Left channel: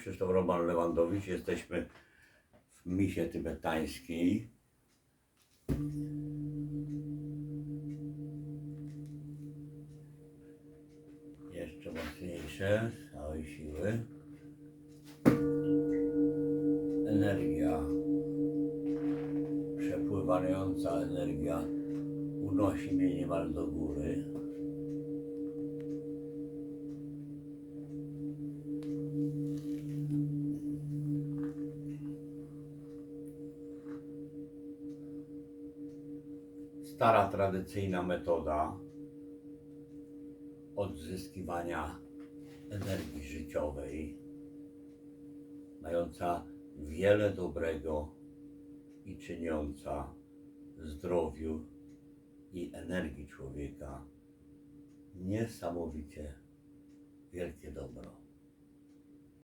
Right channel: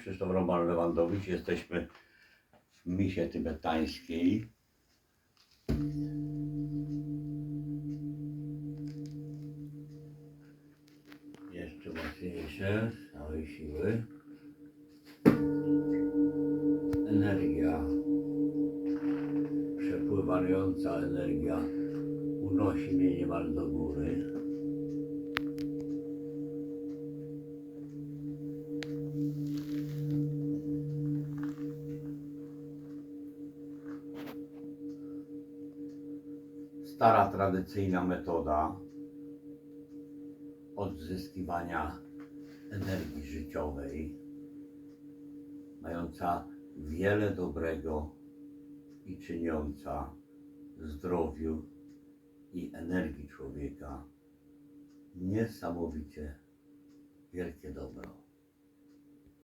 Krzysztof Roman Lewandowicz. Jesteśmy w misie tybetańskiej. Jeszcze mocniejsze, z całej siły. Energia, przepływająca energia unosi mnie niemal do góry. Stara tradycyjna metoda odzyskiwania energii życiowej, mająca wiele dobrego i czyniąca zdrowiu i energii człowieka niesamowicie wielkie dobro.